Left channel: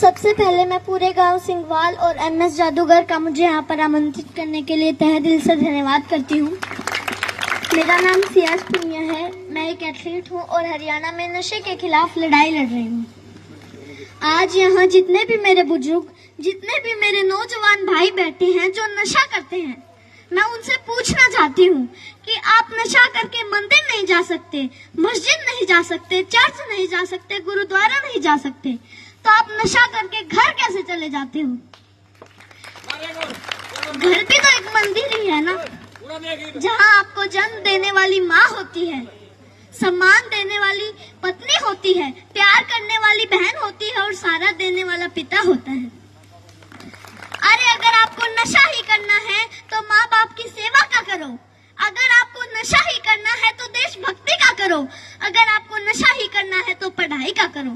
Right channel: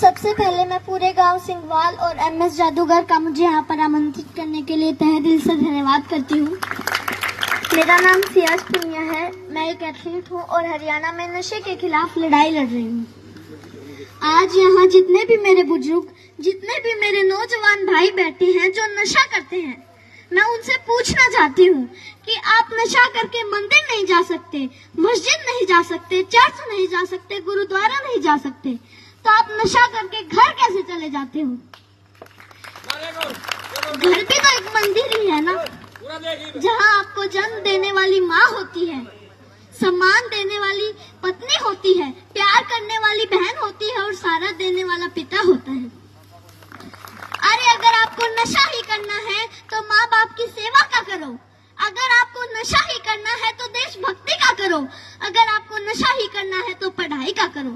सबसे पहले मैं पूरे गांव सिंघवाल और एमएस जादूगर का मुझे यहाँ पर आमंत्रित करने के लिए तहे दिल से धन्यवाद करती हूँ। मेरा नाम सियाज पुनिया है। मैं एक एथलीट हूँ और हरियाणा में नशे के खिलाफ लड़ाई लड़ रही हूँ। आज यहाँ जितने भी मेरे बुजुर्ग, जितने भी मेरे नौजवान भाई बैठे हैं जो नशा करते हैं, मैं उनसे पूछना चाहती हूँ कि आप नशा करके मंदिर नहीं जा सकते, मस्जिद नहीं जा सकते, चर्च नहीं जा सकते, गुरुद्वारा नहीं जा सकते, तो आप नशा करके घर कैसे चले जाते हो? घर भी तो एक मंदिर ही है ना, जहाँ आपको जन्म देने वाली माँ होती है, सम्मान देने वाली पत्नी होती है, प्यार करने वाली बहन होती है और सहारा देने वाला पिता होता है। अरे अगर आपको नशा ही करना है तो माँ बाप की सेवा का करो। अगर आपको नशा ही करना है तो देशभक्ति का करो। अगर आपको नशा ही करना है तो पढ़ाई का करो।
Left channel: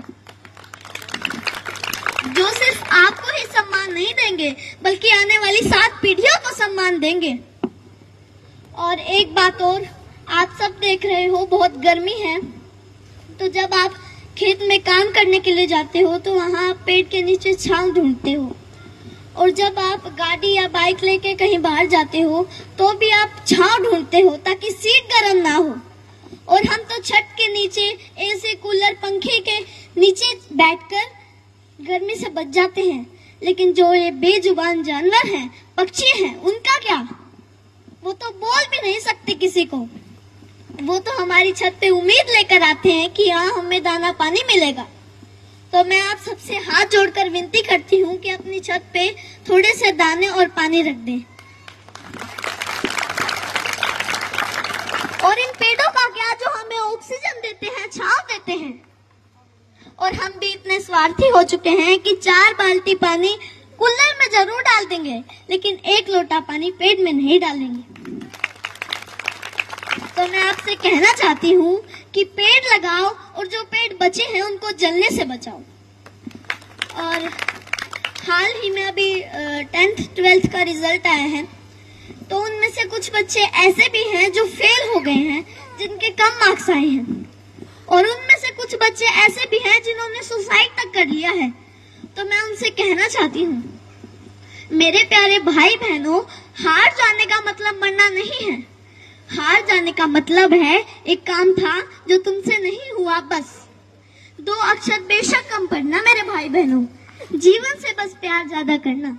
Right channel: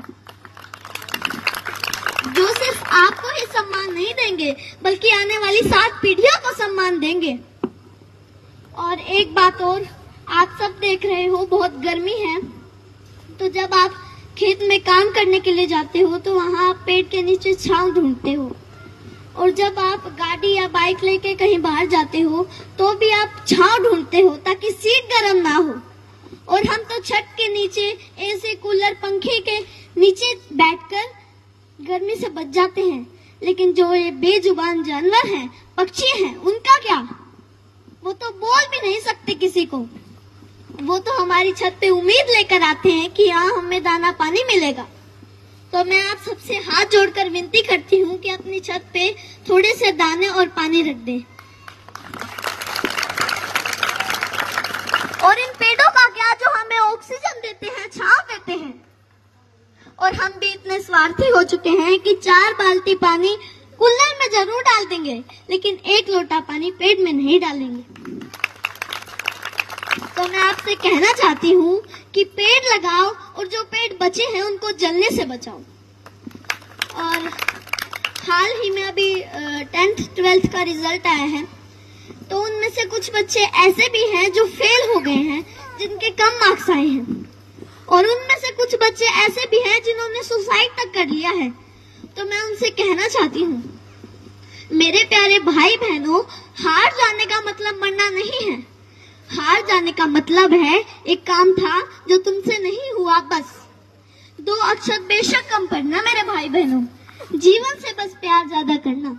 जो सिर्फ आपको ही सम्मान नहीं देंगे बल्कि आने वाली 7 पीढ़ियों को सम्मान देंगे। और एक बात और, आप सब देख रहे हो बहुत गर्मी है, तो जब आप खेत में काम करने के लिए जाते हो तो वहाँ आप पेड़ के नीचे छांव ढूंढते हो, और जब आप गाड़ी या बाइक लेके कहीं बाहर जाते हो तो भी आप छांव ढूंढते हो ताकि सीट गर्म ना हो। और हम तो छत के नीचे एसी, कूलर, पंखे के नीचे बैठकर गर्मी से बच जाते हैं। लेकिन जो ये बेजुबान जानवर हैं, पक्षी हैं, उनका क्या? वो तो बोल भी नहीं सकते किसी को। वो तो हमारी छत पे उम्मीद लेकर आते हैं कि यहाँ हमें दाना पानी मिलेगा। तो मैं आप सबसे हाथ जोड़कर विनती करती हूँ कि अपनी छत पे थोड़े से दाने और पानी रख दें। और इन पेड़ों का क्या जो हमें ऑक्सीजन देते हैं, छांव देते हैं। और हम भी इतने स्वार्थी हो चुके हैं कि 4 बाल्टी पानी कूलर में जरूर डाल देंगे, लेकिन 1 लोटा पानी पेड़ में नहीं डालेंगे। तो मैं आपसे कहना चाहती हूँ कि पेड़ लगाओ और जो पेड़ बचे हैं उनको जलने से बचाओ। और हाल ही में अभी 10th 12th का रिजल्ट आया है, तो उनमें से कुछ बच्चे ऐसे भी हैं जो फेल हो गए हैं, जिनके कम मार्क्स आए हैं, और उनमें से कुछ बच्चे ऐसे भी हैं जिन्होंने सुसाइड तक कर लिया है। तो मैं उनसे कहना चाहती हूँ, मेरे प्यारे भाई बहनों, हार जाने का मतलब मरना नहीं है। हार जाने का मतलब है एक काम था जो तुमसे नहीं हुआ, बस 2 अक्षर बेशक कम पढ़ना। मेरे भाई बहनों, जीवन से बस प्यार ज्यादा करना।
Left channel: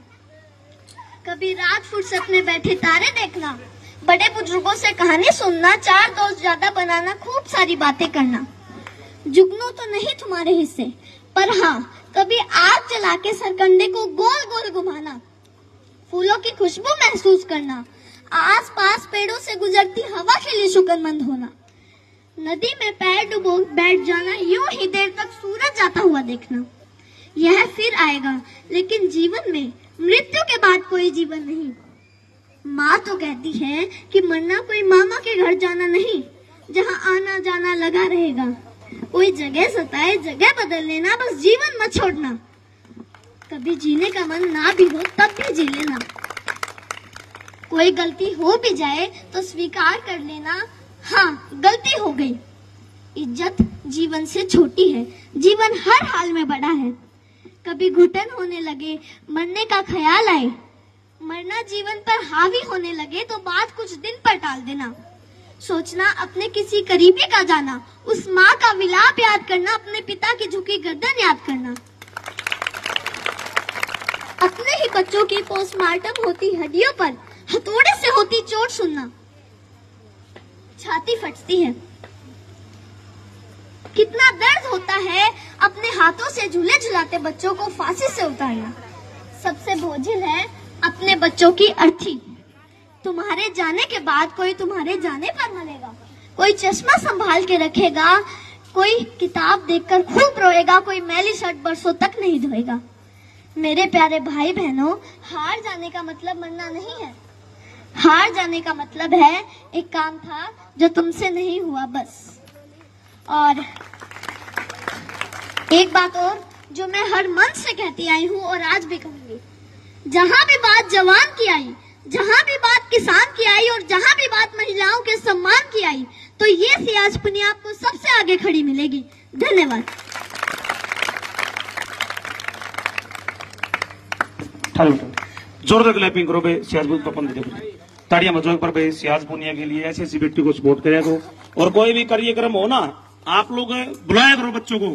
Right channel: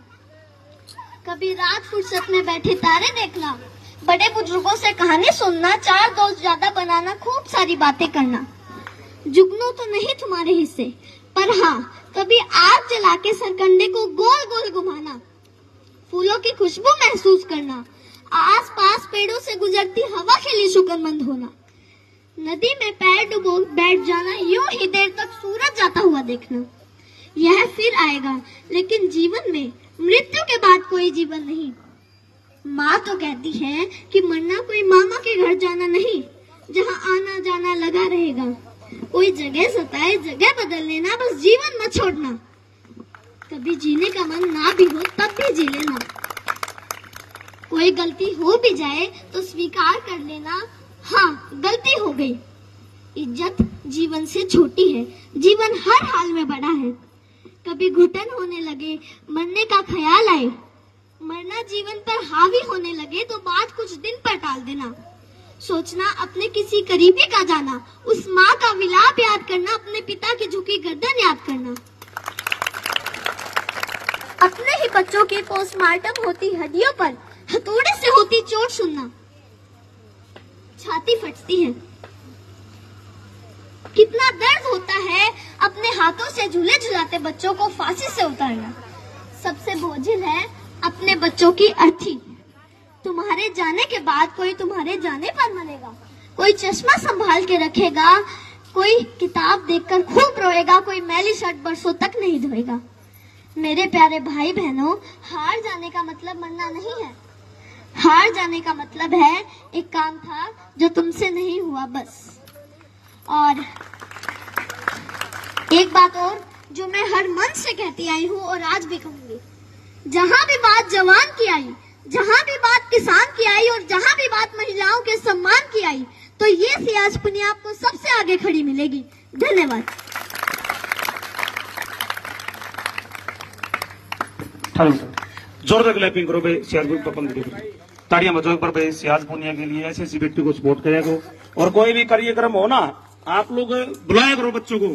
कभी रात फुर्सत में बैठे तारे देखना, बड़े बुजुर्गों से कहानी सुनना, 4 दोस्त ज्यादा बनाना, खूब सारी बातें करना। जुगनू तो नहीं तुम्हारे हिस्से, पर हाँ कभी आग जला के सरकंडे को गोल गोल घुमाना, फूलों की खुशबू महसूस करना, आसपास पेड़ों से गुजरती हवा के लिए शुक्रमंद होना, नदी में पैर डुबो बैठ जाना, यूं ही देर तक सूरज जाता हुआ देखना। यह फिर आएगा, लेकिन जीवन में मृत्यु के बाद कोई जीवन नहीं। माँ तो कहती है कि मरना कोई मामा के घर जाना नहीं, जहाँ आना जाना लगा रहेगा। कोई जगह सताए, जगह बदल लेना, बस जीवन मत छोड़ना। कभी जीने का मन ना भी हो तब भी जी लेना। कोई गलती हो भी जाए तो स्वीकार कर लेना, हाँ गलती हो गई। इज्जत जीवन से छोटी है, जीवन हर हाल में बड़ा है। कभी घुटन होने लगे, मरने का ख्याल आए, मरना जीवन पर हावी होने लगे तो बात कुछ दिन पर टाल देना। सोचना अपने किसी करीबी का जाना, उस माँ का विलाप याद करना, अपने पिता की झुकी गर्दन याद करना। अपने ही बच्चों की पोस्टमार्टम होती हड्डियों पर हथौड़े से होती चोट सुनना, छाती फटती है। कितना दर्द होता है अपने हाथों से झूले झुलाते बच्चों को फांसी से उतारना। सबसे बोझिल है अपने बच्चों की अर्थी। तुम्हारे जाने के बाद कोई तुम्हारे जाने पर मरेगा, कोई चश्मा संभाल के रखेगा, कोई किताब देखकर खूब रोएगा, कोई मैली शर्ट बरसों तक नहीं धोएगा। मेरे प्यारे भाई बहनों, हार जाने का मतलब मरना नहीं है। हार जाने का मतलब है एक काम था जो तुमसे नहीं हुआ, बस। और एक बात और जो मैं हर मंच से कहती आई हूँ और आज भी कहूंगी, जहाँ भी बात जवान की आई, जहाँ भी बात किसान की आई और जहाँ भी बात महिलाओं के सम्मान की आई, तो ये सियाज पुनिया आपको सबसे आगे खड़ी मिलेगी। धन्यवाद। जोरदार क्लैपिंग करो भाई सियाज तो अपन दे ताड़ियां बजाओ पर भाई सियाज पुनिया के लिए ऐसे व्यक्ति को सपोर्ट करेगा। और कोई भी कार्यक्रम हो ना, आप लोग बुलाया करो बच्चों को।